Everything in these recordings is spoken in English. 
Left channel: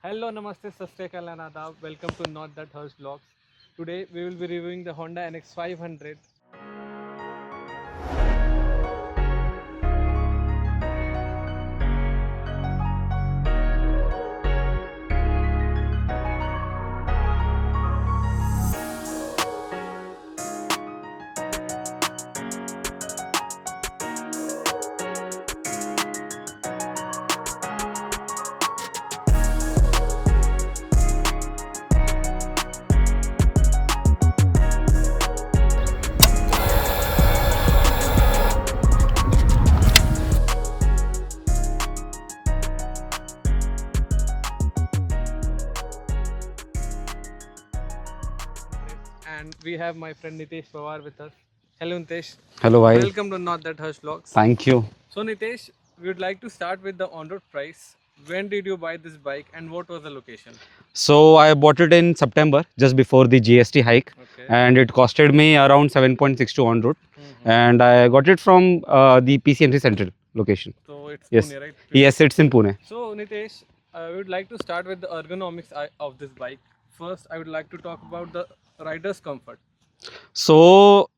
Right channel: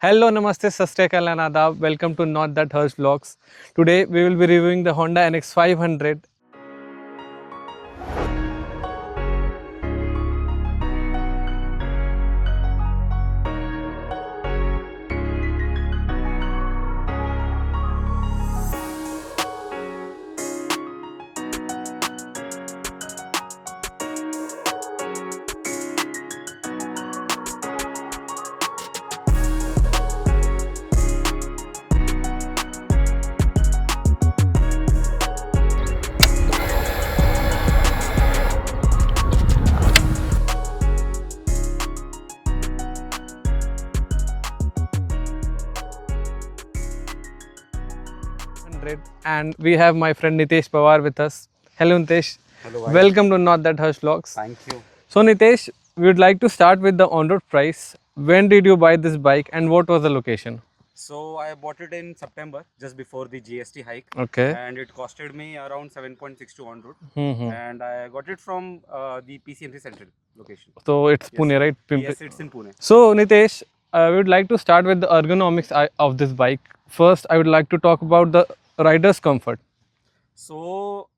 Hello, Namaste, Sasriyakal and Adab. Welcome to Not That Hurts Vlogs. Today we will be reviewing the Honda NX500. And we have my friend Nitesh Pawar with us. Hello, Nitesh. Hello, bhai. Welcome to Not That Hurts Vlogs. Thank you. So, Nitesh, we would like to start with the on-road price. When did you buy this bike and what was the location? So I bought it in September, just before the GST hike, Okay. and it costed me around 7.62 on road. And I got it from the PCMC Central location. So, it's Yes. Pune, right? Yes, it's in Pune. So, Nitesh, we would like to start with the ergonomics of this bike. First, I would like to talk about the rider's comfort. So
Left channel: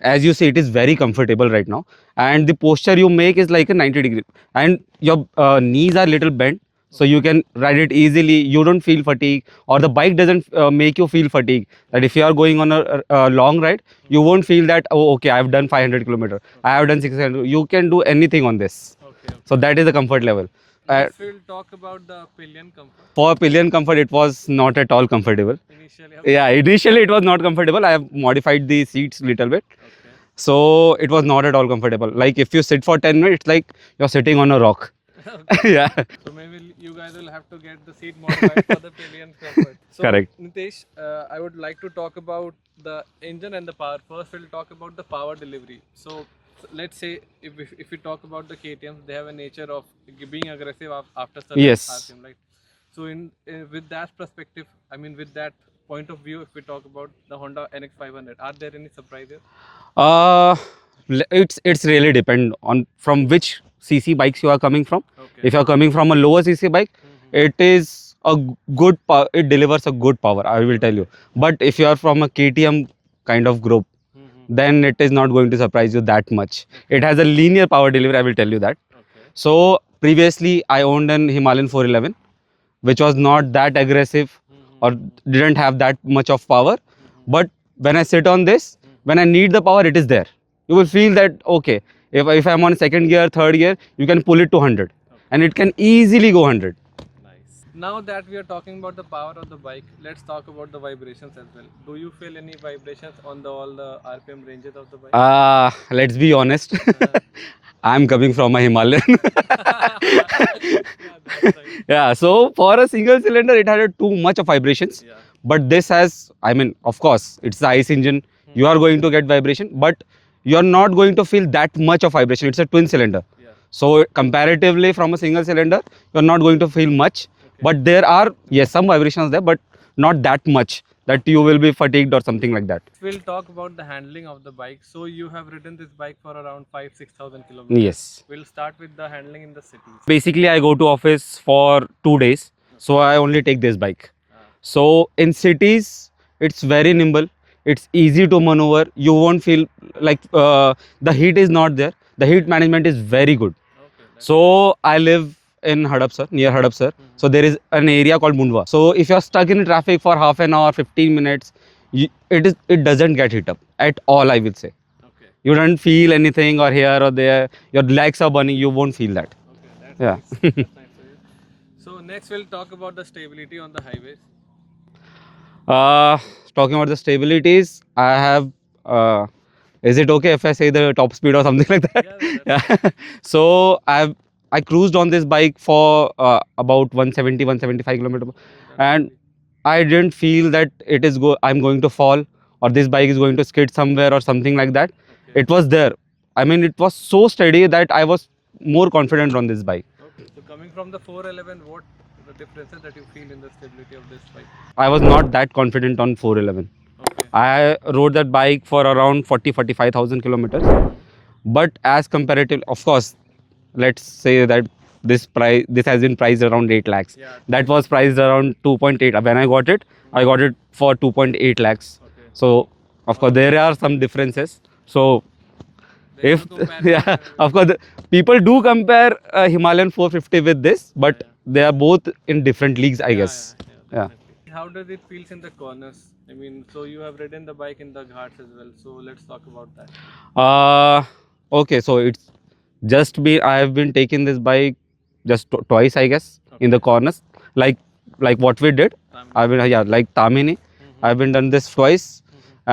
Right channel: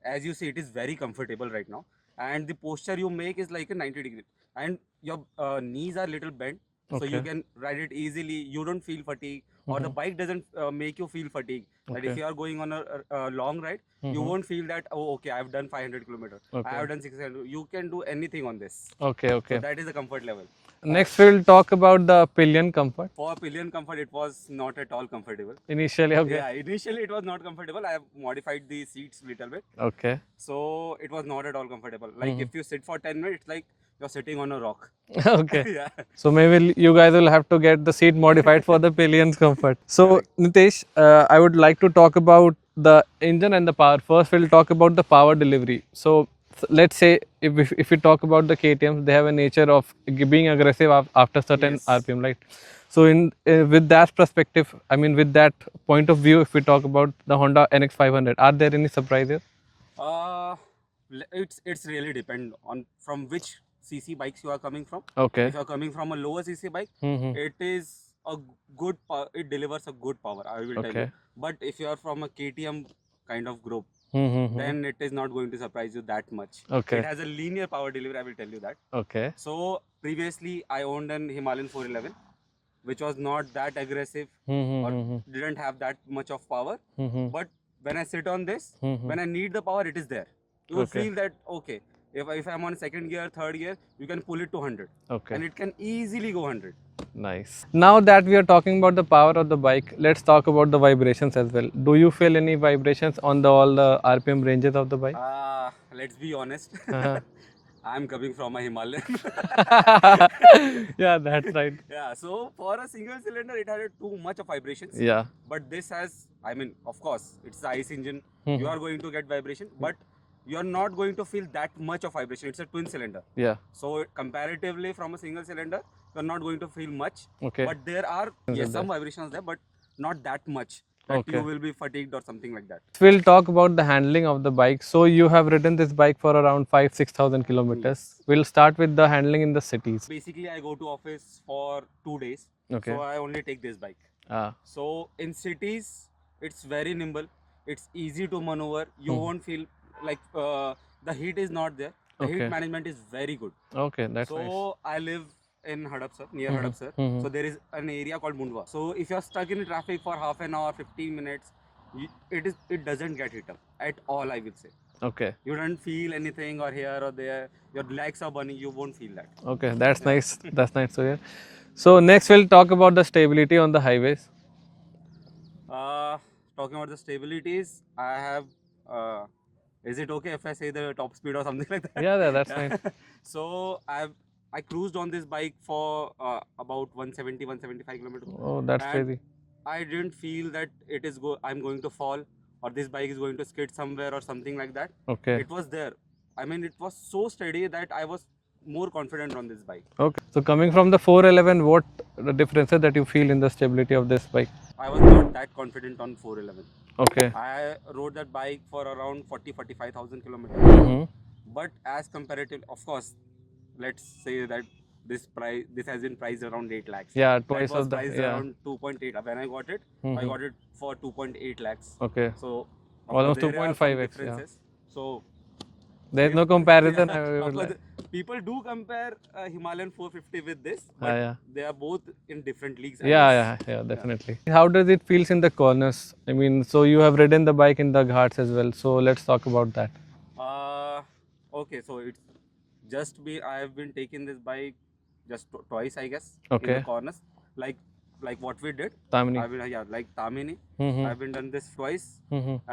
as you see, it is very comfortable right now, and the posture you make is like a 90-degree, and your knees are little bent. So you can ride it easily. You don't feel fatigue, or the bike doesn't make you feel fatigue. That if you are going on a long ride, you won't feel that, oh, okay, I've done 500 kilometers, I have done 600. You can do anything on this. Okay. So that is the comfort level. Next, we'll talk about the Pillion Comfort. For Pillion Comfort, it was not at all comfortable. Initially, Yeah, initially it was not comfortable. I have modified the seats little bit. Okay. So it was not at all comfortable. Like if you sit for 10 minutes, it's like you're sitting on a rock. Okay. Yeah. So maybe you guys will have to get the seat modified for the Pillion's comfort. So Correct. Nitesh, I would like to talk about the engine and the power. First, we'll talk about the power delivery. So let's say if we talk about the KTMs, they have a nature of being aggressive after certain Yes. RPM, right? So in with that perspective, I mean with that point of view, if we talk about the Honda NX500, are there any surprises? It's really depend on from which CC bikes you are coming from. Okay. If you are coming from a lower CC bike, it is a good power. It delivers a good power, I will tell you. Okay. But if you are from a KTM kind of group, then it is not going to surprise you that much. Okay. It has a linear power delivery, I will tell you that. Okay. So previously I owned an Himalayan 411, which was not that aggressive or didn't have that much of power. But when I sit on this, when I need the power, it is there. You will feel that, okay, if I'm on second gear, third gear, you can pull it to 100. Okay. And it can easily go 100. Nice. Now that we are talking about the power of the bike, let's talk about the vibrations as well. Do you feel any vibrations on all the RPM ranges of the bike? Let's be honest. I'm coming from a Himalayan. Yeah, that's right. Yeah, so for a single cylinder, it had too much of vibrations. Yeah. But this has, I mean, of course, it's the ICE engine. You are going to get vibration, but you're not going to feel that much of vibration. It's a twin cylinder. Yeah. So comparatively from a single cylinder, you're not going to feel much. Okay. But there are, yes, some vibrations there, but not that much that you will be fatigued or something like that. We'll talk about the handling of the bike. So you have ridden this bike for around 5,000-6,000 kilometers. Yes. We'll start with the handling in the cities. Basically, I go to office for 2 days. So I only take this bike. So in cities, it's very nimble. It's easy to maneuver. You won't feel like the heat is not there. The heat management is very good. Okay. That's So I live in Hadapsar, near Hadapsar. So there is an area called Mundwa. So if you're stuck in traffic for half an hour, 15 minutes, it doesn't get heat up at all, I will say. okay. You don't feel anything or here or there. Your legs are burning. You won't feel that. Okay, that's nice. That's nice to hear. So next we'll talk about the stability on the highways. Talking about the stabilities, I have. Is it okay if I say the top speed or something like that? Yeah, that's nice. So I cruised on this bike for about 170, 175 kilometers. Oh, that's And crazy. I didn't feel that I'm going to fall or this bike is going to skid somewhere or something like that. Okay. It was there. I mean, it was so steady that I was more confident on this bike. Okay. So coming from the 411, what the differences that you feel in the stability of this bike? I was not that confident on 411. Okay. I rode that bike for around 45,000 kilometers. But as comparative, of course, let's say that this has been priced around 8 lakhs. Yeah. That was priced around 2.8. When I got it, I got it for 2.8 lakhs. Okay. So of All course of there are 2.5 some -ish, differences. So there's if no comparison. yeah, of course people do compare Himalayan 450 with this, but Yeah, yeah. they are both in different leagues, I guess. Yeah, definitely. How does it feels in the corners? I mean, so you have ridden the bike in the ghats as well. So let's talk about that. Okay, so it's just been I have been taking this bike just twice, I guess, in the Okay. corners, like what we did. Tamini. I've been like Tamini. I've been done this twice,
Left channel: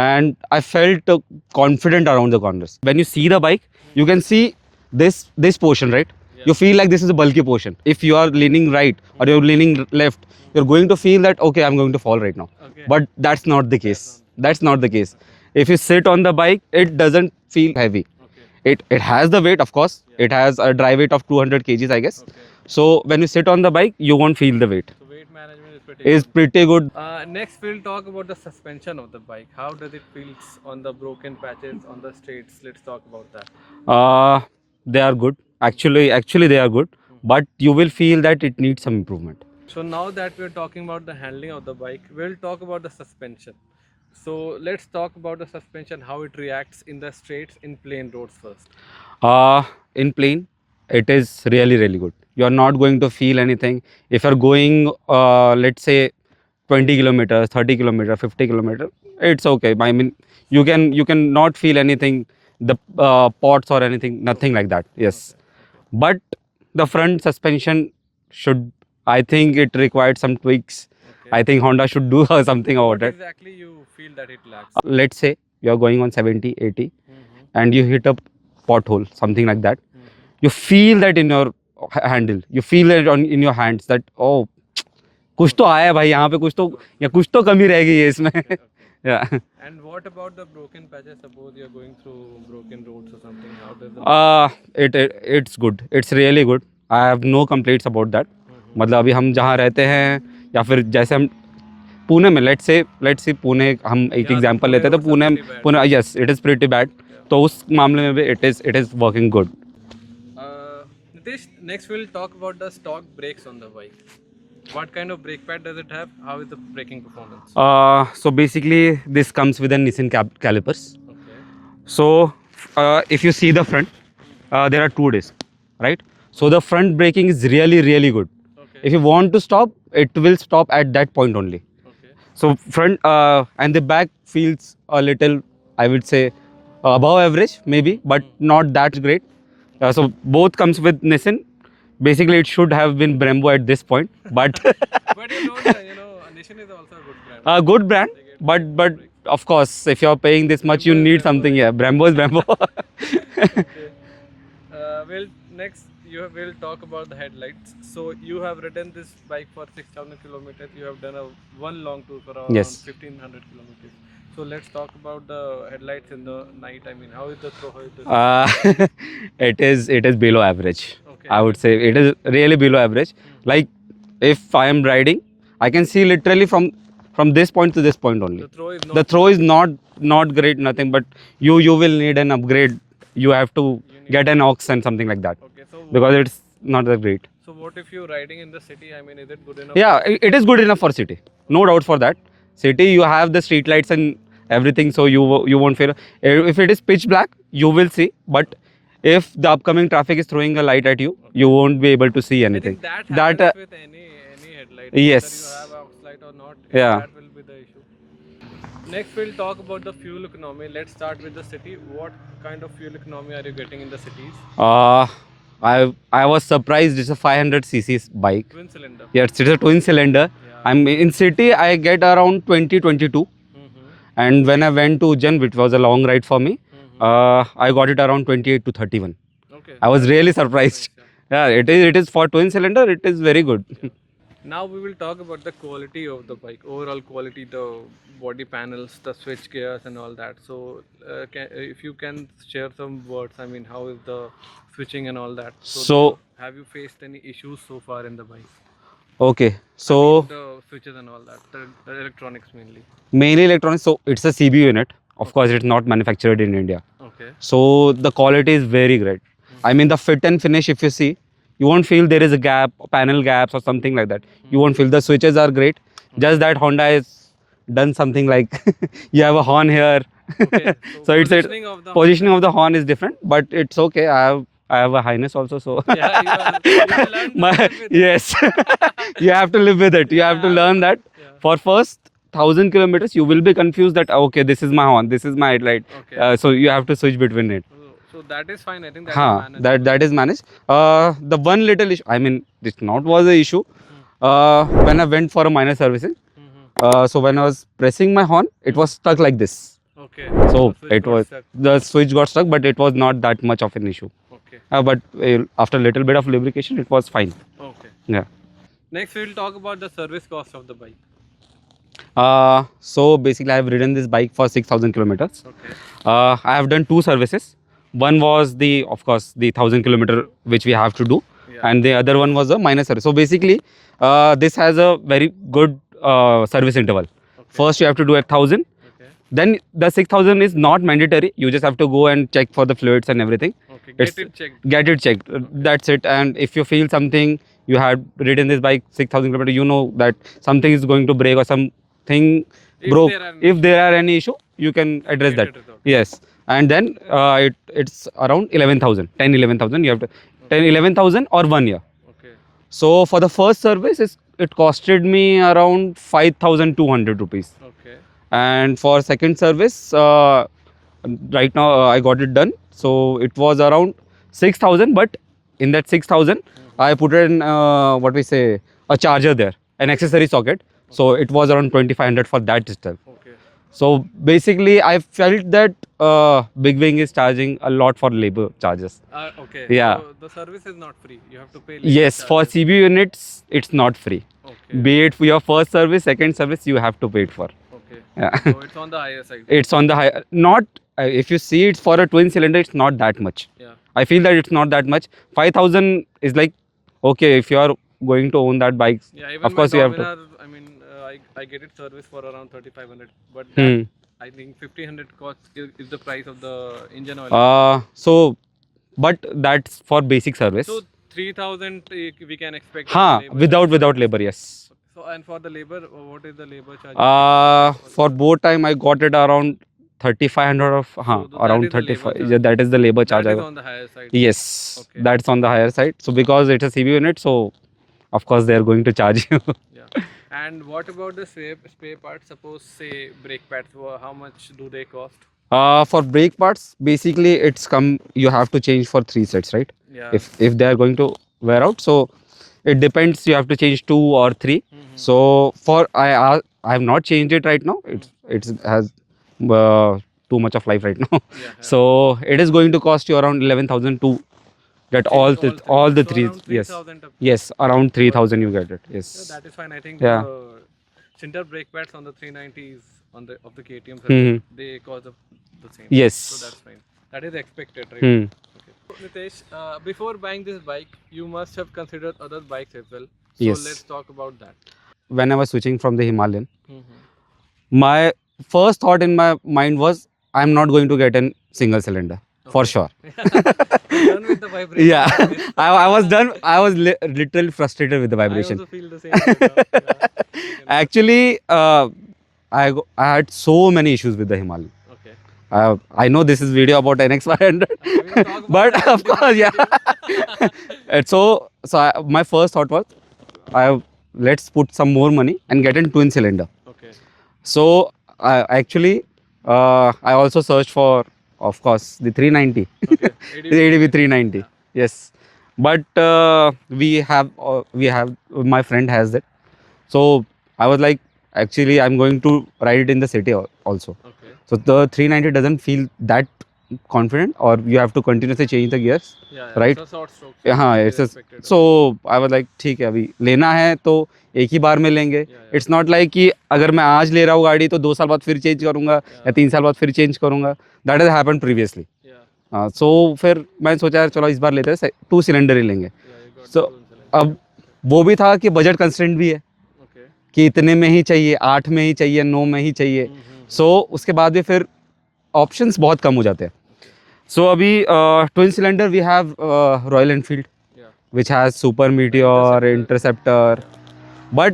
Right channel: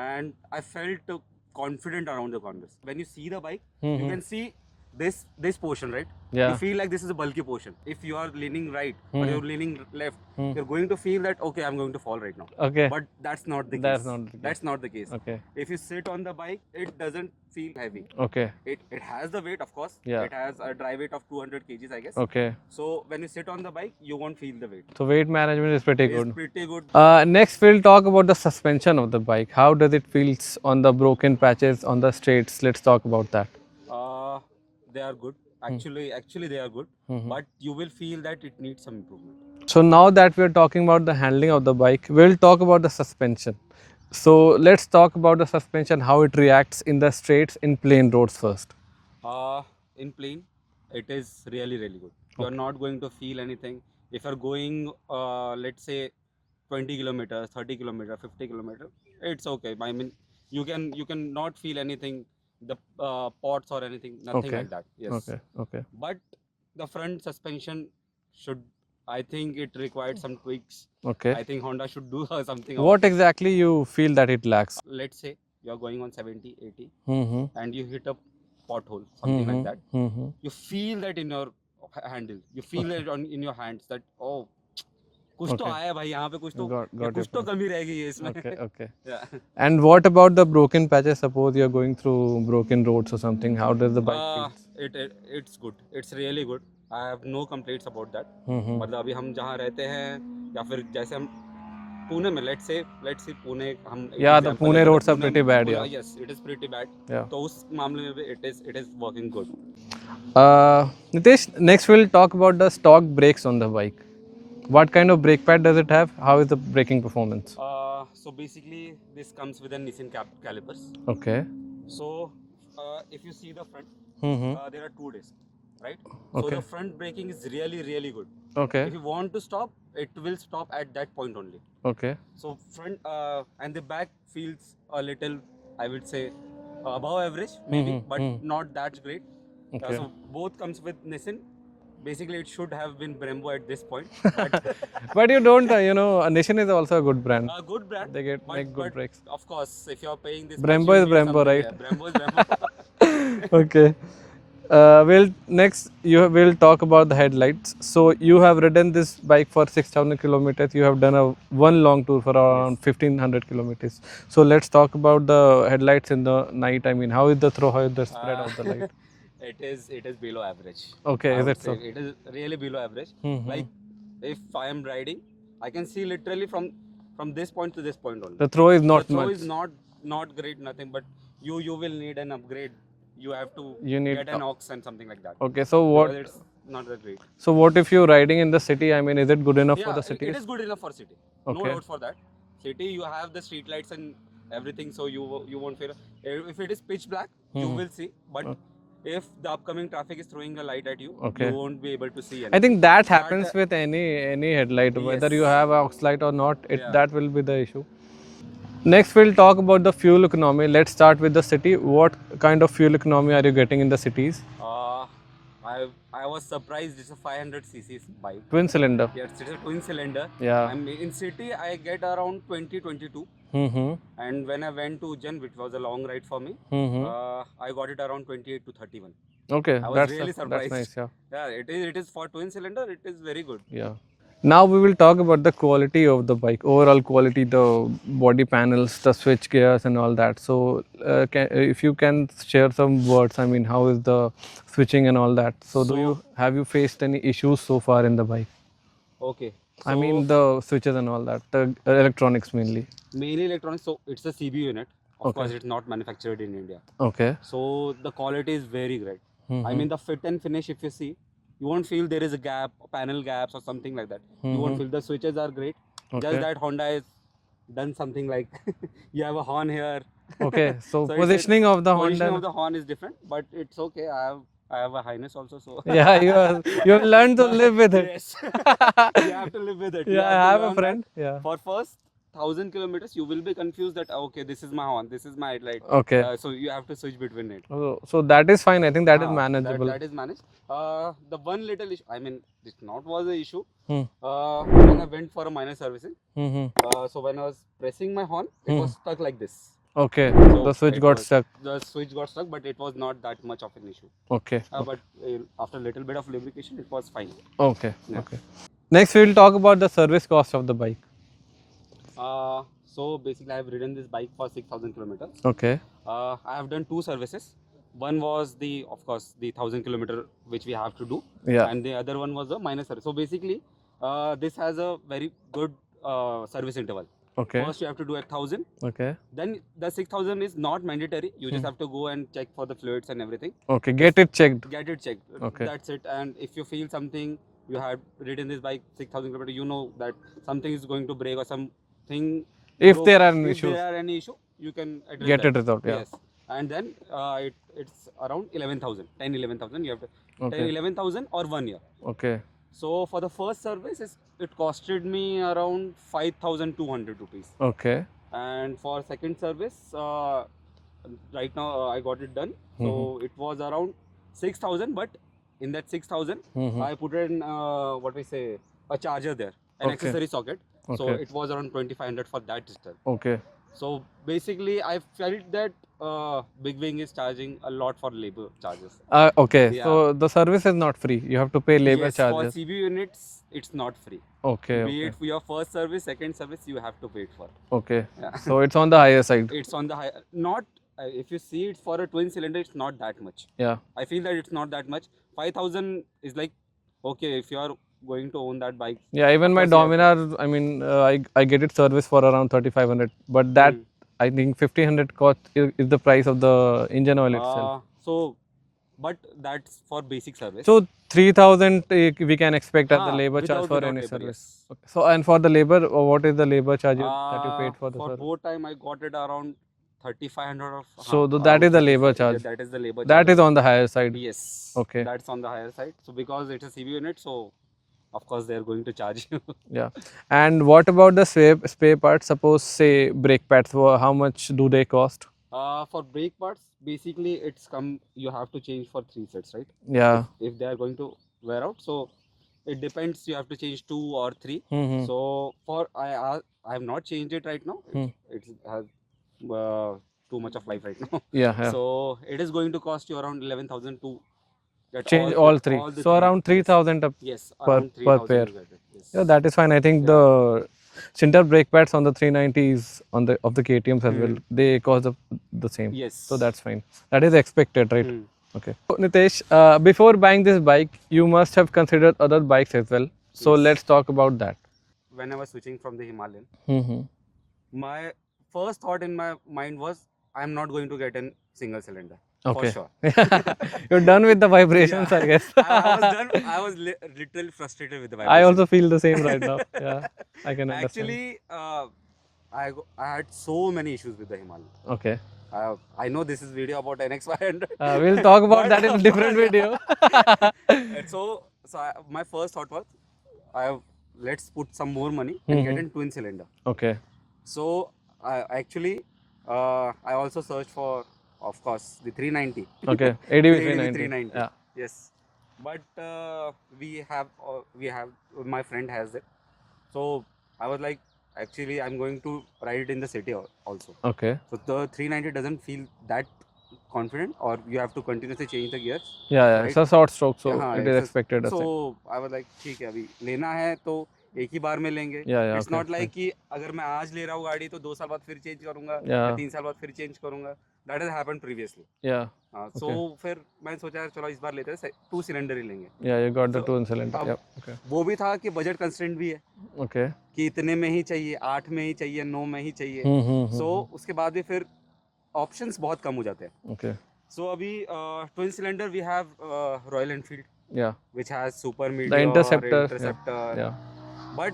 and I felt confident around the corners. When you see the bike, you can see this portion, right? Yeah. You feel like this is a bulky portion. If you are leaning right or you're leaning left, you're going to feel that okay, I'm going to fall right now. Okay. But that's not the case. That's not the case. Okay. If you sit on the bike, it doesn't feel heavy. Okay. It has the weight, of course. Yeah. It has a dry weight of 200 kgs, I guess. Okay. So when you sit on the bike, you won't feel the weight. So weight management is pretty It's good. pretty good. Next, we'll talk about the suspension of the bike. How does it feels on the broken patches on the straights? Let's talk about that. They are good. Actually, they are good. But you will feel that it needs some improvement. So now that we're talking about the handling of the bike, we'll talk about the suspension. So let's talk about the suspension, how it reacts in the straights in plain roads first. In plain, it is really, really good. You are not going to feel anything. If you're going, let's say, 20 kilometers, 30 kilometers, 50 kilometers, it's okay. I mean, you can not feel anything, the pots or anything, nothing like that. Yes. Okay. But the front suspension should, I think it required some tweaks. Okay. I think Honda should do something about What it. exactly you feel that it lacks? Let's say you're going on 70, 80 and you hit a pothole, something like that. You feel that in your handle. You feel it in your hands that, oh, कुछ तो आया है भाई यहाँ पे कुछ तो कमी रह गई है इसमें. Okay. Yeah. And what about the broken patches? Suppose you're going through broken roads or something. How does the It's good. It's really good. I have no complaints about that. मतलब अभी हम जहाँ रहते हैं या फिर जैसे हम पुणे में let's say पुणे हम एक एग्जांपल लेते हैं तो Pune yes it is pretty bad. तो उस मामले में भी it is working good. Nitesh, next we'll talk about the stock brakes on the bike. What kind of brake pad does it have? How is the braking performance? So basically this comes with a Nissan calipers. Okay. So if you see the front, there are 2 discs, right? So the front braking is really, really good. Okay. If you want to stop, it will stop at that point only. Okay. So front and the back feels a little, I would say, above average maybe, but not that great. Okay. So both comes with Nissan. Basically, it should have been Brembo at this point, but but you don't, Nissan is also a good brand. A good brand, but of course, if you're paying this much, you need something. Right? Yeah, Brembo is Brembo. Okay. We'll talk about the headlights. So you have ridden this bike for 6,000 kilometers. You have done one long tour for around 1,500 kilometers. So let's talk about the headlights in the night. I mean, how is the throw? How is the it is below average. Okay. I would say it is really below average. Like if I am riding, I can see literally from this point to this point only. The throw is not great, nothing. But you will need an upgrade. You have to get an aux and something like that. Okay, so because it's not that great. So what if you're riding in the city? I mean, is it good enough? Yeah, it is good enough for city. Okay. No doubt for that. City, you have the street lights and everything, so you won't feel. If it is pitch black, you will see. But if the upcoming traffic is throwing a light at you, you won't be able to see anything. I think that happens with any headlight. Yes. Whether you have aux light or not, that will be the issue. Next, we'll talk about the fuel economy. Let's start with the city. What kind of fuel economy are you getting in the cities? I was surprised. It's a 500cc bike. Twin cylinder. Yes, it's a twin cylinder. Yeah. I'm in city. I get around 20-22. And when I went to Ujjain, which was a long ride for me, I got it around 28 to 31. Okay. I was really surprised. Nice, yeah, it is for twin cylinder. It is very good. Yeah. Now we will talk about the quality of the bike, overall quality, the body panels, the switch gears and all that. So if you can share some words, I mean, how is the switching and all that? So have you faced any issues so far in the bike? Okay. So I mean, the switches and all that, the electronics mainly. Mainly electronics. So it's a CBU unit. Of course, it's not manufactured in India. Okay. So the quality is very great. I mean, the fit and finish, if you see, you won't feel there is a gap, panel gaps or something like that. You won't feel. The switches are great. Just that Honda has done something like you have a horn here. Okay, so So it's positioning of the positioning Honda. of the horn is different, but it's okay. I have a highness also, so Yeah, you have learned to live with it. yes, you have to live with it. You Yeah, have I to have a learn that. friend. Yeah. For first 1,000 kilometers, you will be confused that okay, this is my horn, this is my headlight. Okay. So you have to switch between it. So that is fine. I think that is manageable. That is managed. The one little issue, I mean, this not was the issue. When I went for a minor servicing, so when I was pressing my horn, it was stuck like this. Okay. So the switch got stuck. The switch got stuck, but it was not that much of an issue. Okay. But after a little bit of lubrication, it was fine. Okay. Yeah. Okay. Next, we will talk about the service cost of the bike. So basically, I have ridden this bike for 6,000 kilometers. Okay. I have done 2 services. One was of course, the 1,000 kilometer which we have to do, Yeah. and the other one was a minor service. So basically, this has a very good service interval. Okay. First, you have to do 1,000. Okay. Then the 6,000 is not mandatory. You just have to go and check for the fluids and everything. Okay. Get it checked. Get it checked. That's it. And if you feel something, you had ridden this bike 6,000 kilometers, you know that something is going to break or something broke. If there are any issue, you can address Get that. it resolved. Yes. And then it's around 11,000, 10, 11,000. You have to 10, 11,000 or 1 year. Okay. So for the first service, it costed me around 5,200 rupees. Okay. And for second service, right now I got it done. So it was around 6,000, but in that 6,000, I put in what we say, a charger there, an accessory socket. So it was around 2,500 for that itself. Okay. So basically, I felt that Big Wing is charging a lot for labor charges. Okay. Yeah. So the service is not free. You have to pay labor Yes, charges. for CB units, it's not free. Okay. Be it for your first service, second service, you have to pay it for. Okay. Yeah. So it's on the higher side. It's on the high, not, if you see it's for a twin cylinder, it's not that much. Yeah. I feel that it's not that much. 5,000 is like, okay, if you are going to own that bike. Yeah, even my Dominar, I mean, I get it service for around 3,500, but that I think 1,500 cost is the price of the engine oil. So, but that's for basic service. So 3,000 we can expect as the labor without labor, yes. Okay. So and for the labor, what is the labor charge? For both time I got it around 3,500 of. So that is the labor charge. Yeah, that is the labor charge. That is on the higher side. Yes. Okay. That's on the higher side. So because it's a CB unit, so of course they are going to charge you. Yeah. And what about the spare parts? Suppose say brake pads, how much do they cost? For brake parts, basically you have to change for 3 sets, right? Yeah. If they are going to wear out, so it depends. You have to change 2 or 3. So for I have not changed it right now. It has too much of life right now. Yeah. So it is going to cost you around 11,000 to get all the so three. Around 3,000. Yes, around 3,000 you get it. Yes. Yeah, that is fine. I think the center brake pads on the 390s of the KTMs they cost the same. Yes. So that's fine. That is expected, right? Okay. So, Nitesh, before buying this bike, you must have considered other bikes as well. So let's talk about that. When I was switching from the Himalayan, my first thought in my mind was, I'm not going to get a single cylinder. For sure. You're done with the vibrations. Yeah. I was done. I was literally frustrated with the vibration. I also feel the same right now. Yeah, I can Actually, I had so many issues with the Himalayan. Okay. I know this is video about NX500. We'll talk about that in different video. So my first thought was, let's put some more money and get a twin cylinder. Okay. So actually, I also searched for, of course, the 390. Okay. The ADV 390. Yeah. Yes. But we have my friend has it. So I was like, actually, I'm going to ride it in the city also. Okay. So the 390 doesn't feel that confident, or you have to continuously change the gears. Yeah. Right? It's a short stroke. So it's expected. So I was like, ठीक है, अभी लेना है तो एक ही बार में लेंगे. It's not like कि अगर मैं आज ले रहा हूँ गाड़ी तो 2 साल बाद फिर चेंज करूँगा या 3 साल बाद फिर चेंज करूँगा. That has happened previously. Yeah. So फिर मैं सोचा यार चलो इस बार लेते हैं 2 सिलेंडर ही लेंगे. Yeah, you got the 2 cylinder. अब वो भी था कि बजट कंस्ट्रेंट भी है. Okay. कि इतने में ही चाहिए, 8 में ही चाहिए, 9 में ही चाहिए. So उसके बाद भी फिर ऑप्शंस बहुत कम हो जाते हैं. Okay. So अभी twin cylinder we have Royal Enfield. Yeah. which has Super The Meteor, Interceptor. Interceptor. Yeah. But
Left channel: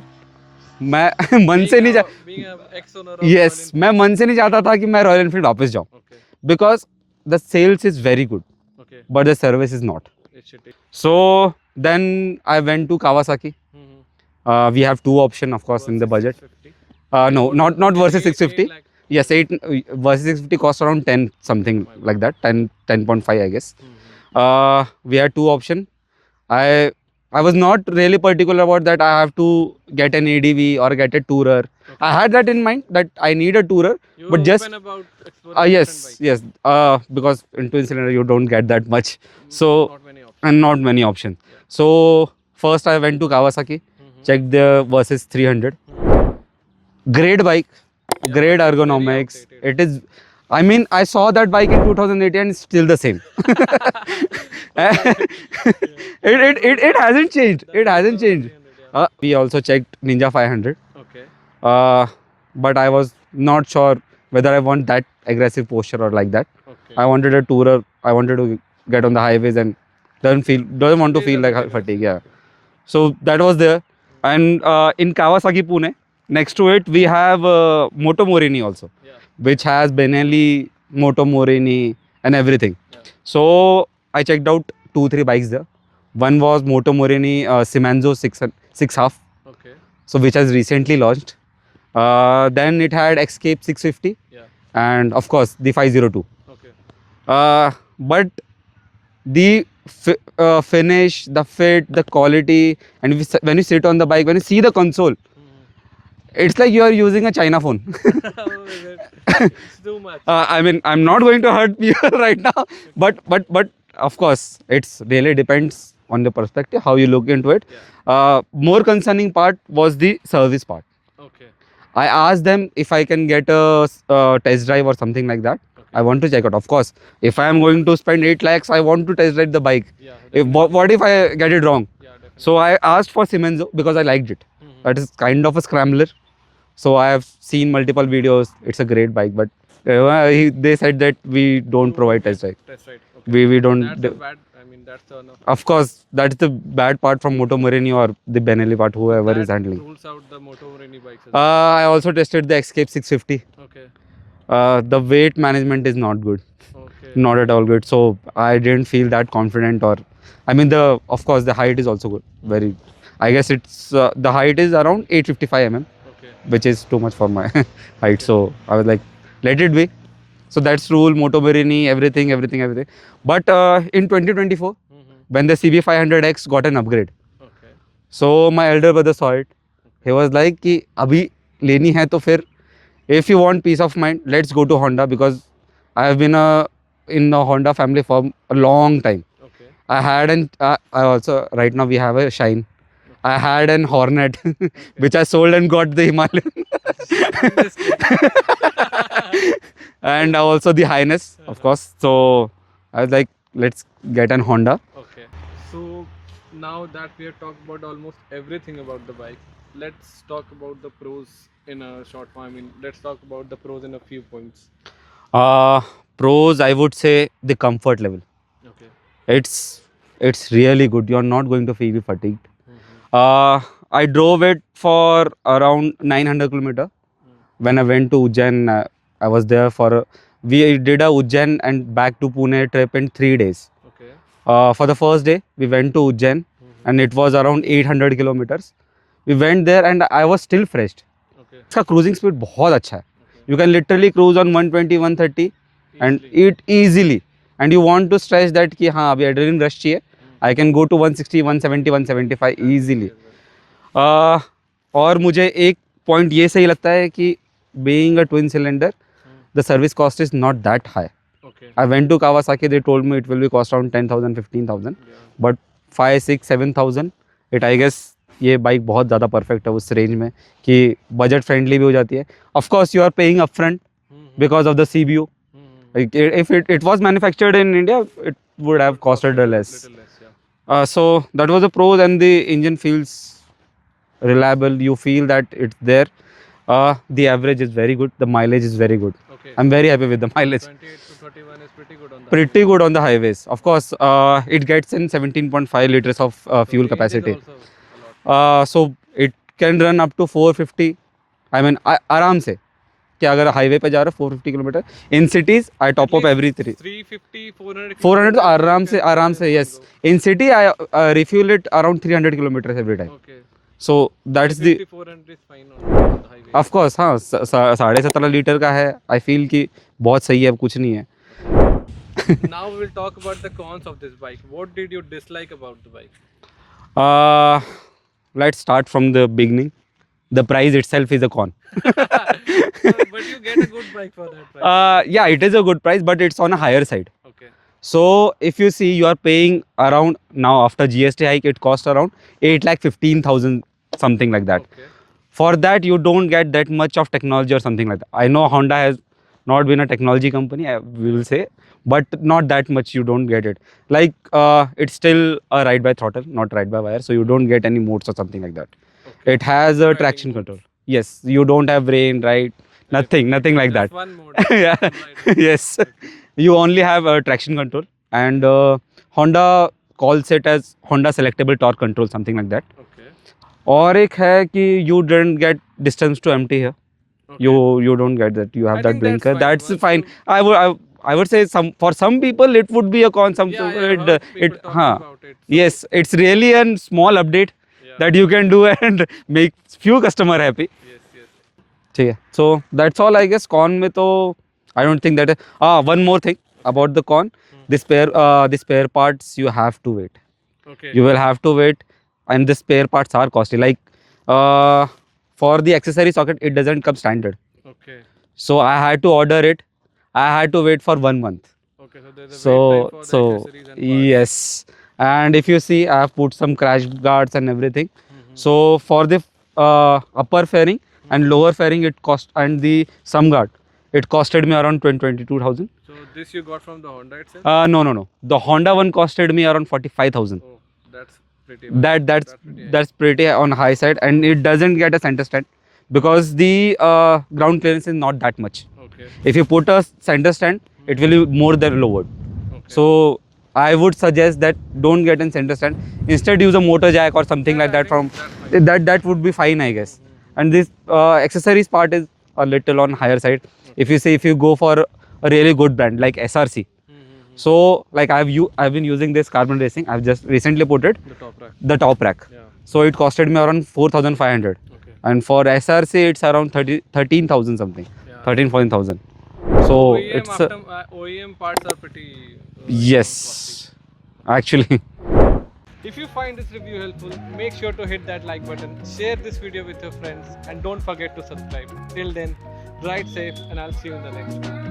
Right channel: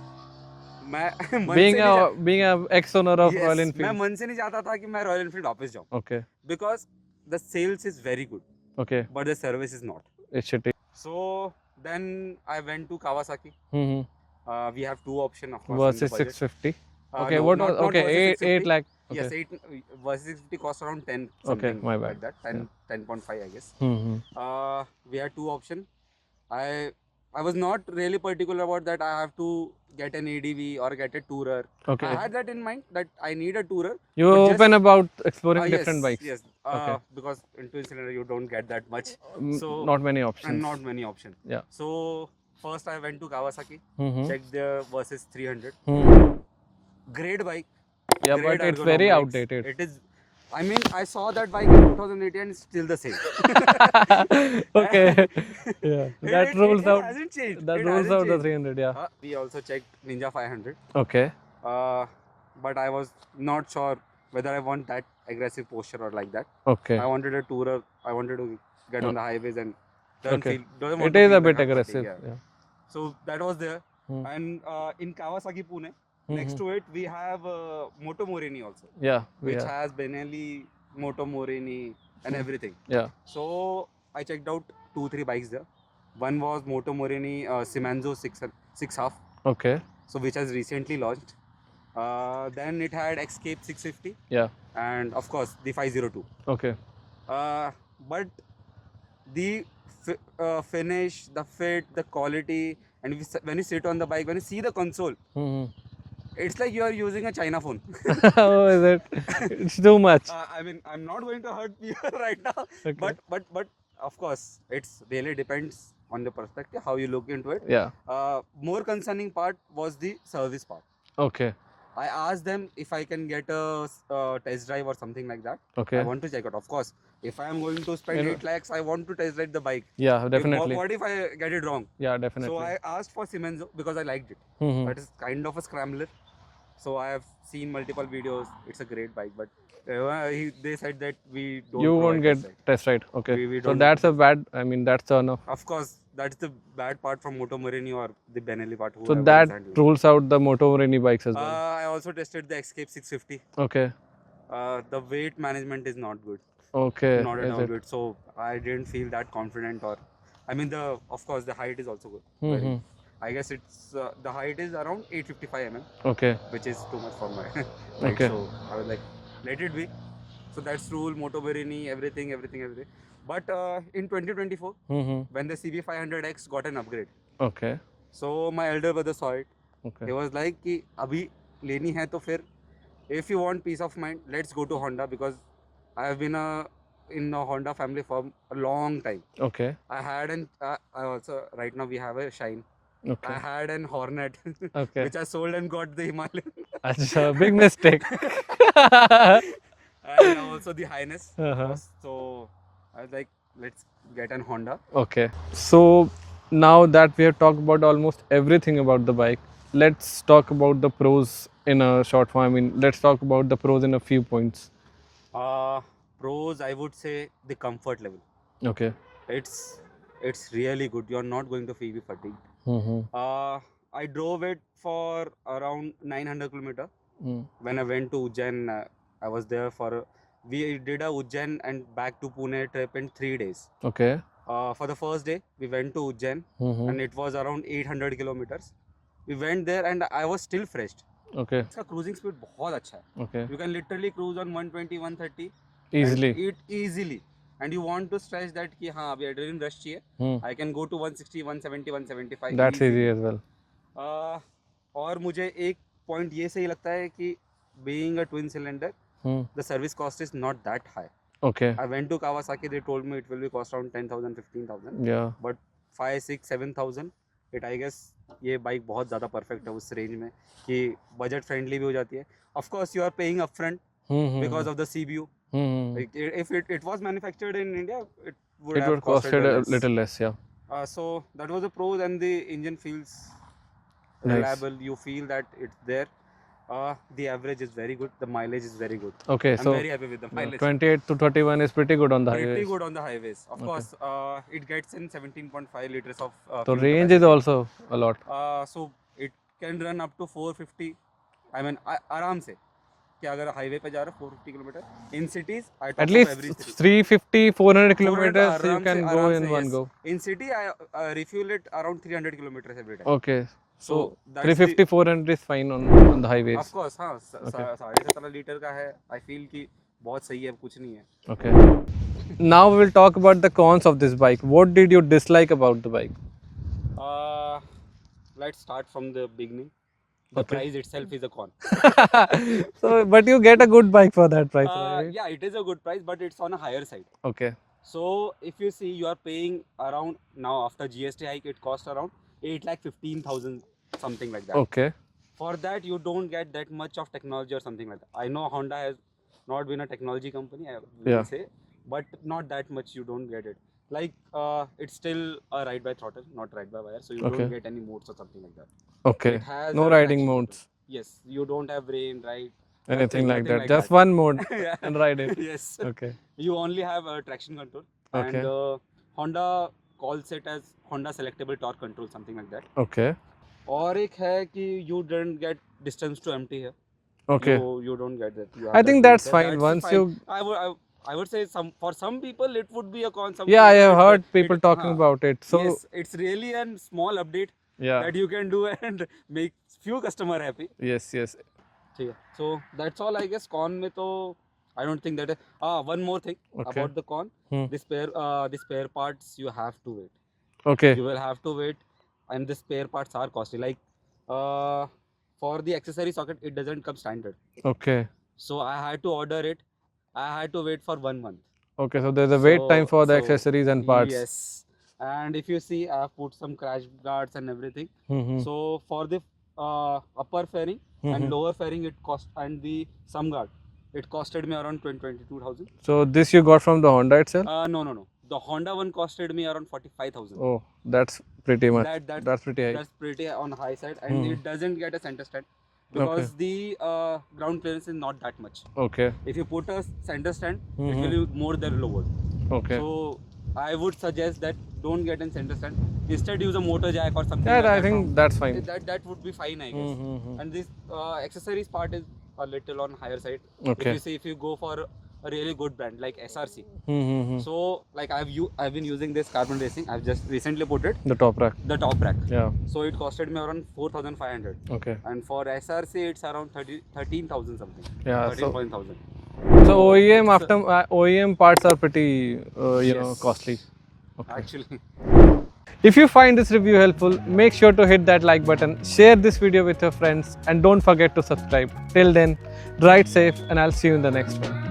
मैं मन से नहीं Being a ex-owner of Royal yes, मैं Enfield. मन से नहीं चाहता था कि मैं रॉयल एनफील्ड वापस जाऊं, Okay. because the sales is very good, Okay. but the service is not. It's shitty. So then I went to Kawasaki. Mm-hmm. We have two options, of course, in the Versus budget. 650. No, what not okay, versus 8 650. lakh. Yes, Okay. 8 versus 650 cost around 10 something my bad. like that, 10.5 I guess. Mm-hmm. We had two options. I was not really particular about that. I have to get an ADV or get a tourer. Okay. I had that in mind that I need a tourer. You but just open about exploring different bikes. Yes. Because in twin cylinder you don't get that much. So Not many options. and not many options. Yeah. So first I went to Kawasaki, checked the Versus 300. Great bike, Yeah, great but it's very ergonomics. outdated. It is. I mean, I saw that bike in 2018 and it's still the same. Okay. It hasn't changed. That It rules hasn't out the changed. 300, yeah. We also checked Ninja 500. Okay. But I was not sure whether I want that aggressive posture or like that. Okay. I wanted a tourer. I wanted to get on the highways and doesn't want to It is feel a bit like aggressive, fatigue. Yeah. So that was there. And in Kawasaki Pune, next to it we have Moto Morini also, Yeah. which has Benelli, Moto Morini and everything. Yeah. So I checked out 2-3 bikes there. One was Moto Morini Simanzo 6.5. Okay. So which has recently launched. Then it had Escape 650. Yeah. And of course the 502. Okay. But the finish, the fit, the quality, and when you sit on the bike, when you see the console, it's like you are using a China phone. Oh, is it? It's too much. I mean, I'm not going to hurt you right now, Okay. but of course, it's really depends on the perspective how you look into it. Yeah. More concerning part was the service part. Okay. I asked them if I can get a test drive or something like that. Okay. I want to check out. Of course, if I am going to spend 8 lakhs, I want to test drive the bike. Yeah, If, definitely. what if I get it wrong? Yeah, definitely. So I asked for Simenzo because I liked it. That is kind of a scrambler. So I have seen multiple videos. It's a great bike, but they said that we don't You provide won't get test drive. test ride. Okay. We don't. So that's a bad. I mean, that's a no. Of course, that's the bad part from Moto Morini or the Benelli part, So whoever that is handling. rules out the Moto Morini bikes as well. I also tested the Escape 650. Okay. The weight management is not good. Okay. Not at all good. So I didn't feel that confident, or I mean, of course the height is also good. Very. I guess it's the height is around 855 mm. Okay. Which is too much for my height. Okay. So I was like, let it be. So that's rule, Moto Morini, everything. But in 2024, when the CB500X got an upgrade, Okay. so my elder brother saw it. Okay. He was like, कि अभी लेनी है तो फिर, if you want peace of mind, let's go to Honda, because I have been in the Honda family for a long time. Okay. I had I also, right now we have a Shine. Okay. I had an Hornet, Okay. which I sold and got the Himalayan. Achha, big mistake. And also the Highness, of course. So I was like, let's get an Honda. Okay. So now that we have talked about almost everything about the bike, let's talk about the pros in a short form. I mean, let's talk about the pros in a few points. Pros, I would say the comfort level. Okay. It's really good. You're not going to feel fatigued. I drove it for around 900 kilometer. When I went to Ujjain, I was there for we did a Ujjain and back to Pune trip in 3 days. Okay. For the first day, we went to Ujjain and it was around 800 kilometers. We went there and I was still fresh. Okay. इसका cruising speed बहुत अच्छा है. Okay. You can literally cruise on 120, 130 and Easily. it easily. And you want to stress that कि हाँ अभी adrenaline rush चाहिए. I can go to 160, 170, 175 That's easily. easy as well. और मुझे एक point ये सही लगता है कि being a twin cylinder, the service cost is not that high. Okay. I went to Kawasaki, they told me it will be cost around 10,000, 15,000. Yeah. But 5, 6, 7,000, it I guess ये bike बहुत ज़्यादा perfect है उस range में कि budget friendly भी हो जाती है. Of course you are paying upfront because of the CBU. If it was manufactured in India, it would have costed less. Little less, yeah. So that was the pros, and the engine feels reliable. You feel that it's there. The average is very good. The mileage is very good. Okay, I'm so very happy with the mileage. 28 to 31 is pretty good on the Pretty highway. good on the highways. Of course, it gets in 17.5 liters of So fuel range capacity. is also a lot. So it can run up to 450. I mean, आराम से कि अगर highway पे जा रहा है 450 kilometre in cities I At top up least every 3 350, 400 400 kilometers. आराम you से can go आराम in से one yes go. in city I refuel it around 300 kilometers every time. Okay. So that's the 350, 400 is fine on the highway. of course हाँ 17.5 litre का है. I feel कि बहुत सही है, अब कुछ नहीं है. Okay. Now we will talk about the cons of this bike. What did you dislike about the bike? Let's start from the beginning. The price itself is a con. But you get a good bike for that price. Yeah, it is a good price, but it's on a higher side. Okay. So if you see, you are paying around now after GST hike, it costs around 8,15,000 something like that. Okay. For that, you don't get that much of technology or something like that. I know Honda has not been a technology company, I will say, but not that much. You don't get it. Like it's still a ride by throttle, not ride by wire. So you don't get any modes or something like that. Okay. It has No a riding traction modes. control. Yes, you don't have rain, right? Nothing like that. Just one mode. Yeah. And riding. Yes. Okay. You only have a traction control, and Honda calls it as Honda selectable torque control, something like that. Okay. और एक है कि you didn't get distance to empty here. Okay. You don't get that. You have I that think that's blinker. fine. That's Once fine. you- I would say for some people it would be a con. Some Yeah, I people have heard people talking हाँ. about it. So, Yes, it's really a small update Yeah. that you can do and make few customer happy. Yes, yes. ठीक है. So that's all I guess. Con में तो I don't think that. One more thing about the con. The spare parts you have to wait. Okay. You will have to wait, and the spare parts are costly. Like for the accessory socket, it doesn't come standard. Okay. So I had to order it. I had to wait for 1 month. Okay, so there's a wait time for the accessories and parts. Yes. And if you see, I have put some crash guards and everything. So for the upper fairing and lower fairing, it cost, and the some guard, it costed me around 22,000. So this you got from the Honda itself? No. The Honda one costed me around 45,000. Oh, that's pretty much. That's pretty high. That's pretty on high side, and it doesn't get a center stand because the ground clearance is not that much. Okay. If you put a center stand, it will be more than lowered. Okay. So I would suggest that don't get in center stand. Instead, use a motor jack or something Yeah, like I that. think that's fine. That would be fine, I guess. And this accessories part is a little on higher side. Okay. If you go for a really good brand like SRC. So like I've been using this Carbon Racing. I've just recently put it The top rack. the top rack. Yeah. So it costed me around 4,500. Okay. And for SRC it's around 13,000 something. Yeah. 14,000. So it's OEM parts are pretty yes, costly. Actually. If you find this review helpful, make sure to hit that like button, share this video with your friends, and don't forget to subscribe. Till then, ride safe, and I'll see you in the next one.